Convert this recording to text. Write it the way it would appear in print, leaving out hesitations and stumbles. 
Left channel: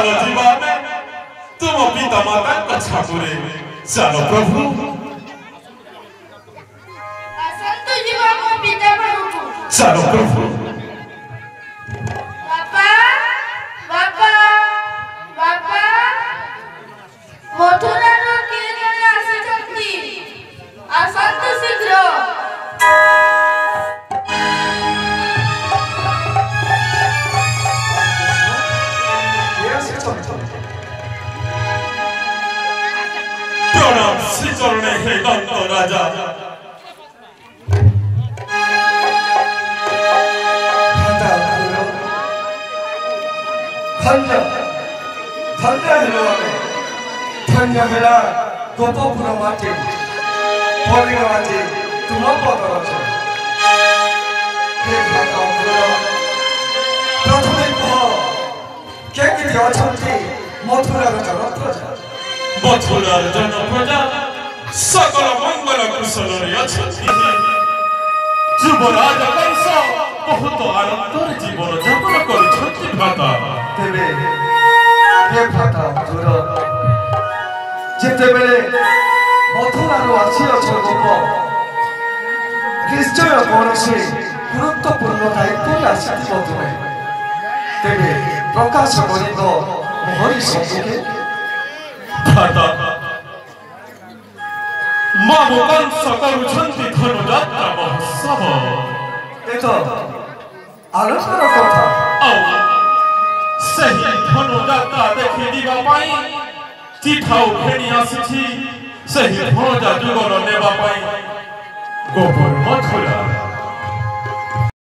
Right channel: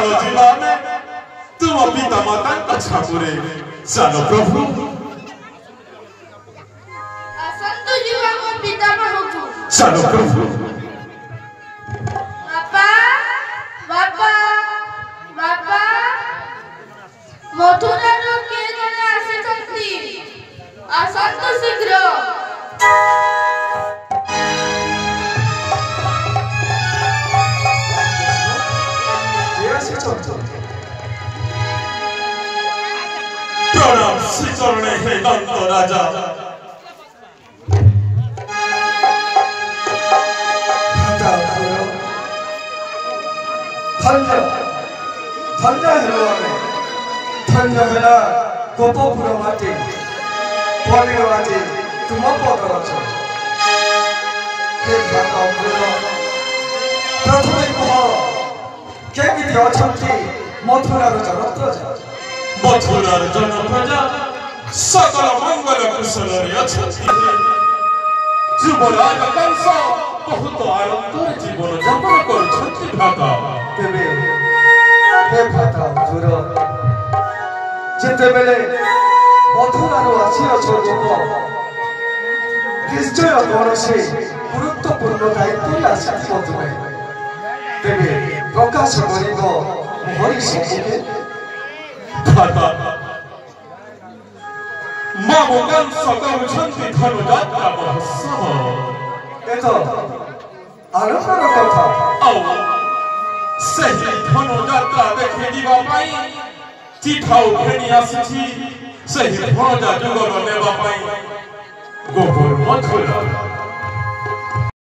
ଚାଲ ଯିବା ଆମେ ତୁମ ପିତା ମାତାଙ୍କ ଛାପୁରେ ଚାଲ ପ୍ରଭୁ ଆସନ୍ତୁ ଯିବା ମୋ ପିତା ଘରକୁ ଚାଲ ପ୍ରଭୁ ବାପା ବାପା ବାପା ମଥୁରାରୁ କିଏ ଜଣେ ଆସିଛନ୍ତି ଆସନ୍ତୁ ଶୀଘ୍ର প্রণাম শ্রীচরণে হে দন্ত রাজা ধন্য হলো আমি ধন্য বেলা গোপপুর মাটি পরির মাটি তুম পদ অছ হে ভগবান প্রথমে কহ কেমিতি অছন্তি মথুরার জনপ্রজা মথুরার জনপ্রজা সকল মঙ্গল কুশলরে অছন্তি যুবরাজ কংস ବହୁତ ଆନନ୍ଦରେ ଜୀବନ ଯାପନ କରୁଛନ୍ତି ଭ୍ରାତା ତେବେ ହେ ଭ୍ରାତା ମଧୁର ଯେତେବେଳେ ମଥୁରାରୁ ଆସିଅଛ ଗୋପ ନିଶ୍ଚୟ କୌଣସି ଗୁରୁତ୍ୱପୂର୍ଣ୍ଣ ଦାୟିତ୍ୱରେ ଆସିଥିବ ତୁମେ ତେବେ ପ୍ରକାଶ କରିବ ମୋହରି ସମ୍ମୁଖେ ଭ୍ରାତା ମା କଂସ କରୁଛନ୍ତି ଧନୁଯାତ୍ରା ମହୋତ୍ସବ ଏ ତ ଆନନ୍ଦର କଥା ଆଉ ସେହି ଧନୁଯାତ୍ରା ଦେଖି ଯିବା ପାଇଁ ଚିଠାଉ ଫେଣି ଆସିଛି ସେହି ଭଣଜା ଯୁଗଲ ନେବା ପାଇଁ ଗୋପର ମଥୁରା